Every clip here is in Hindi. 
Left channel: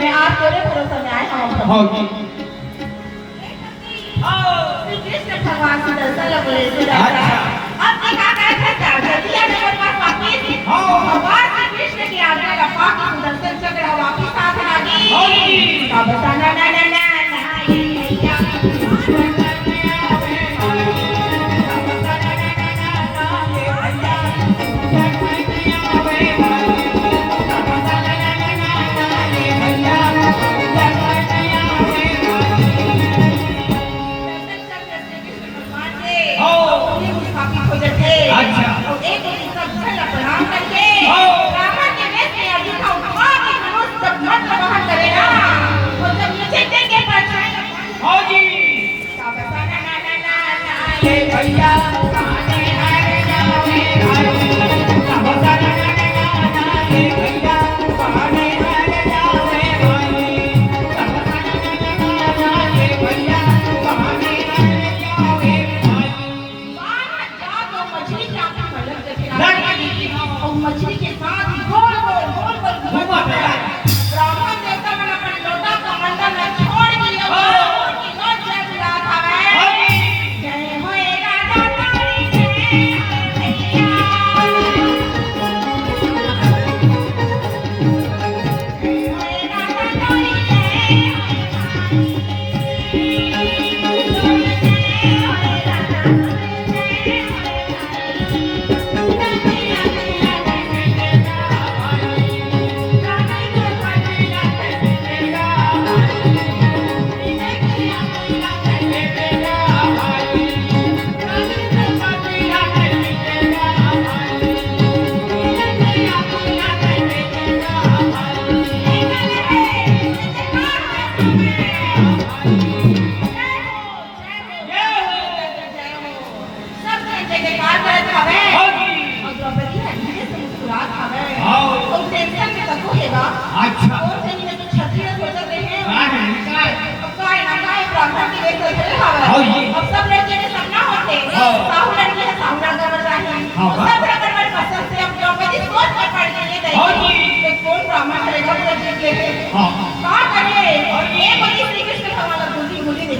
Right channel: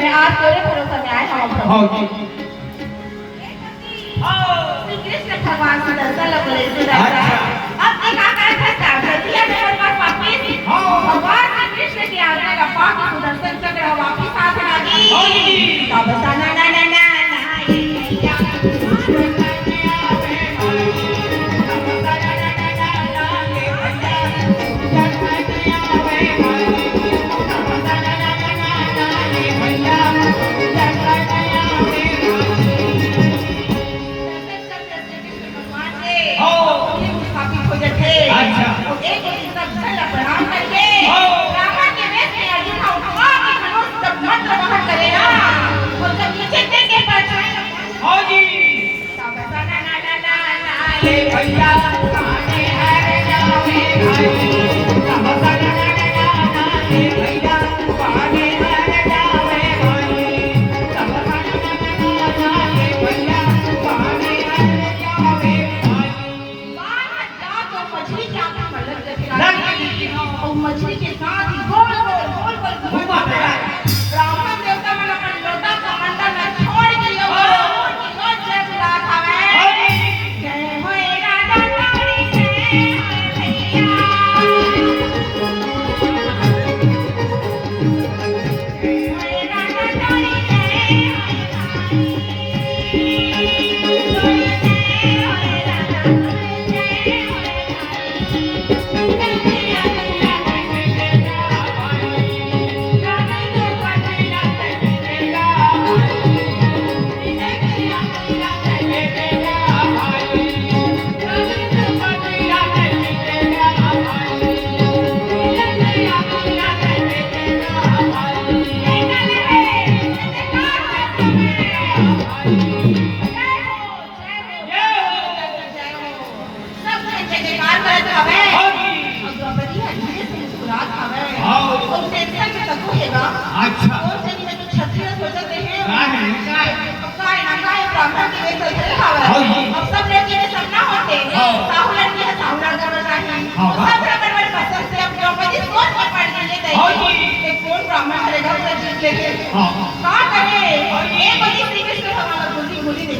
मैं आज तेरे भरोसे में आया हूँ। हाँ जी। श्री कृष्ण भगवान से दर्शन लग रहे थे। अब देखा दिया मेरे पास वापिस भगवान श्री कृष्ण की आज्ञा का पाक सुदर्शन चक्र वापिस आ गई। अब बताना ना ना ना मछली के साथ ही गोल गोल गोल गोल घुमा ब्राह्मण देवता मन अपन लोटा कमंडल में छोड़ के नोच लग रहा था जय होए राजा तारी जय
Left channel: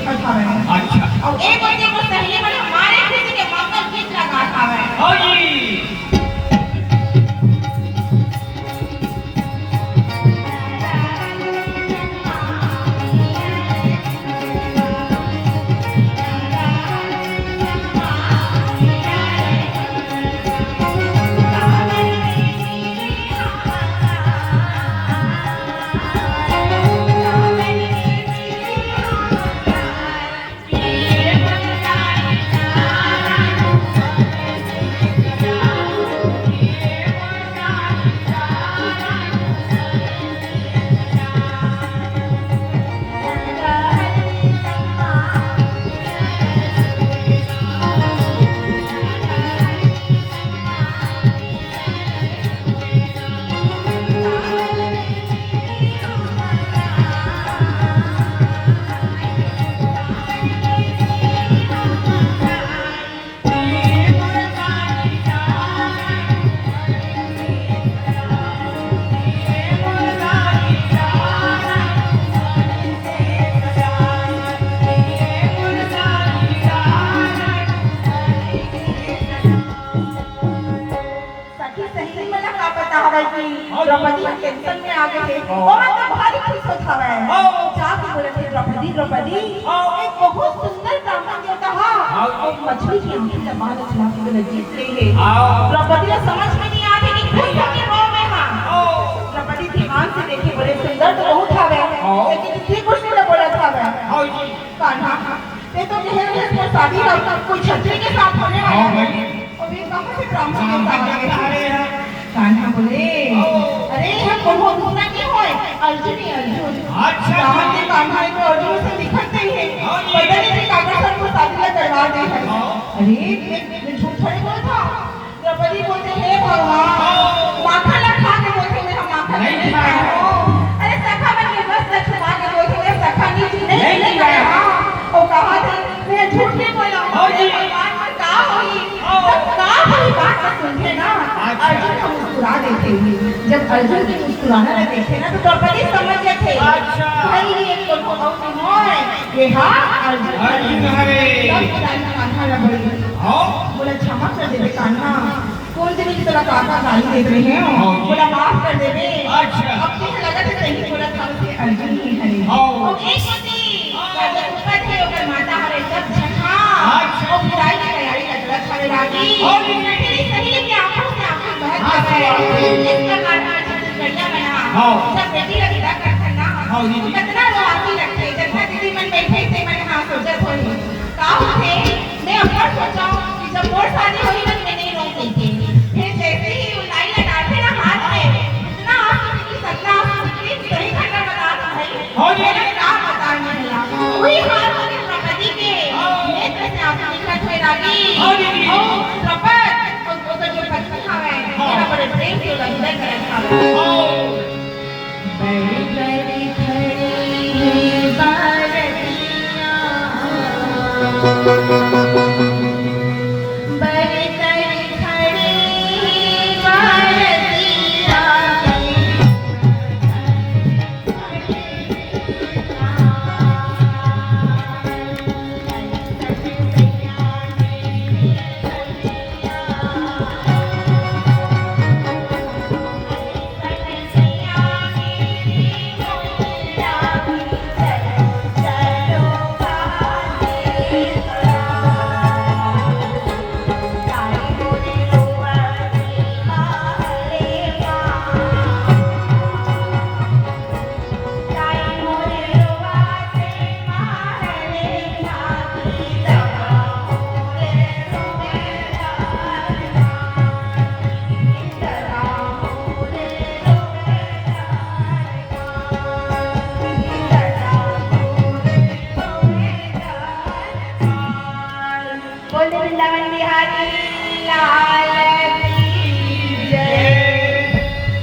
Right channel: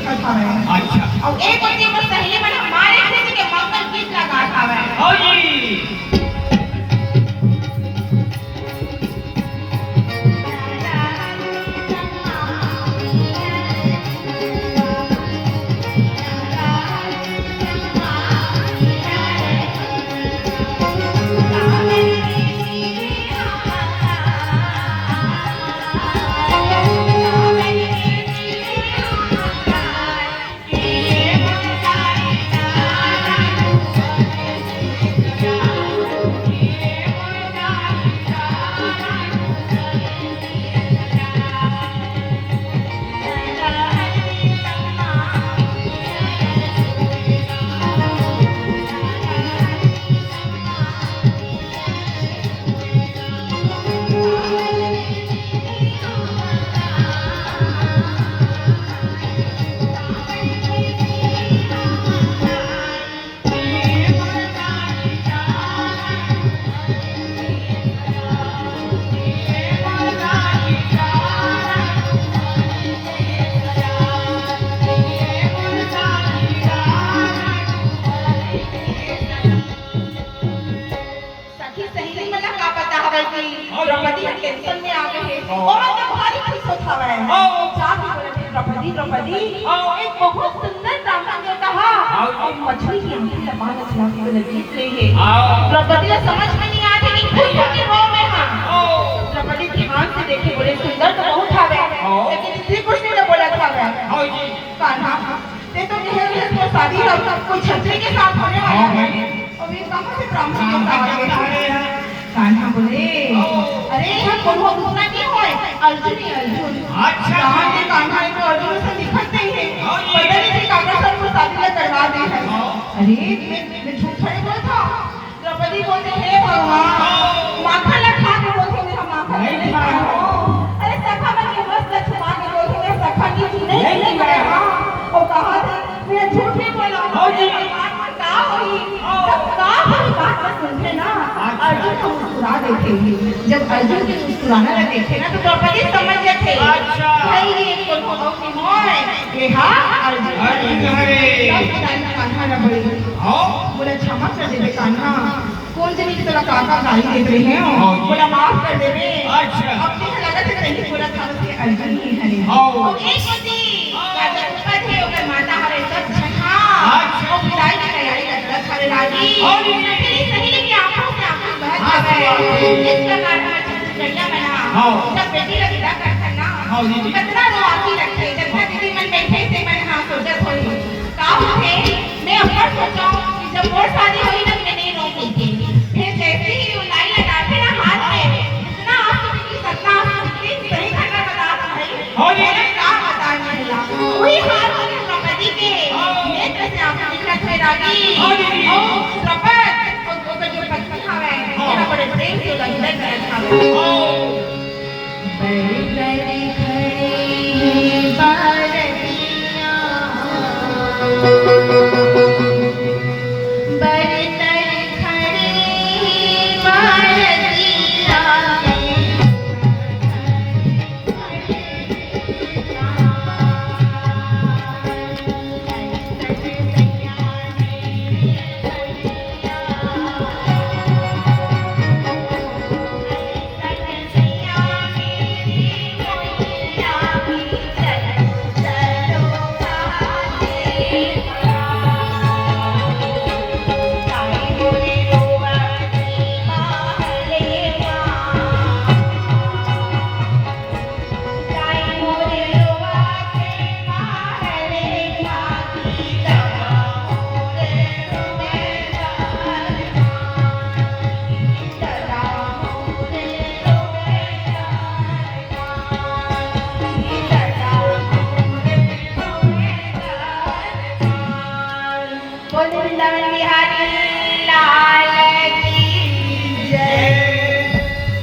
और एक बच्चे को पहले बार हमारे कृष्ण के मंगल गीत लगा था द्रौपदी टेंशन में आ गए और मैं भारी खुश होता है साथ ही बोले द्रौपदी द्रौपदी एक बहुत सुंदर ब्राह्मण देवता है और मछली की आंखें से बाहर चला के लगी द्रौपदी को समझ में नहीं आ रही कि खुश होके रो मैं हां द्रौपदी ध्यान से देखे बड़े सुंदर तो बहुत था लेकिन श्री कृष्ण ने बोला था हां जी कान्हा ये तो जो शादी कोई छतरी के साथ होने वाला है और ये कहां से ब्राह्मण देवता आ गए कान्हा बोले अरे हम कोनो दूसरा नहीं होए अर्जुन ही अर्जुन अच्छा के कान्हा को अर्जुन से निकलते ही पता नहीं कि काका सब को शादी में करवा दे अरे मैं झूठ थोड़ी बोलता द्रौपदी बोलते हे भगवान माथा लगा के बोलते मेरा माथा नहीं खाया अरे सखा में बस लक्ष्मण के बोलते मेरा सखा की नहीं खाया वो कहा थी मैं झूठ नहीं बोला भगवान का होई का होई बात को सुनते ना अर्जुन को मुस्कुरा देते हैं। जब अर्जुन के मुस्कुराना देखे ना तो द्रौपदी समझ जाते भाई ये तो बहुत मोय ये हाँ अर्जुन हरे कान्हा ना बोले बोला क्षमा कर दे कान्हा कौन जनी की तरह काका गाली देख रहे हैं बोला माफ कर दे रे अपनी लगा तो नहीं बोला था उसके अर्जुन ही हरे और एक होती राजा ऊपर थे और माता हरे सब छठा और विदाई की तैयारी कर रहा था राजी तेरी सही की आंखों से आंखें बह गए इस प्रकार आज गैया बना जब बेटी का विदा करता ना कितना रो आंखी रखे जब दीदी मन बैठे से मैंने हाँ सोचा थोड़ी काम थे मैं अपना सोचाऊं कि जब मोर शादी हुई ना मैं नहीं रो गई थी फिर जैसे ही वो लाई लगा के ना हाथ में इतना आंसू की सपना प्लीज सही करना बता भाई मेरा क्या बताने लगा वही हाथ में द्रौपदी के नेत्र से आंसू निकल थे रागी और द्रौपद और वो जो पत्नी खावे मेरा बड़े प्रेम से उधर करता बड़ी बड़ी खड़ी बोले बिहारी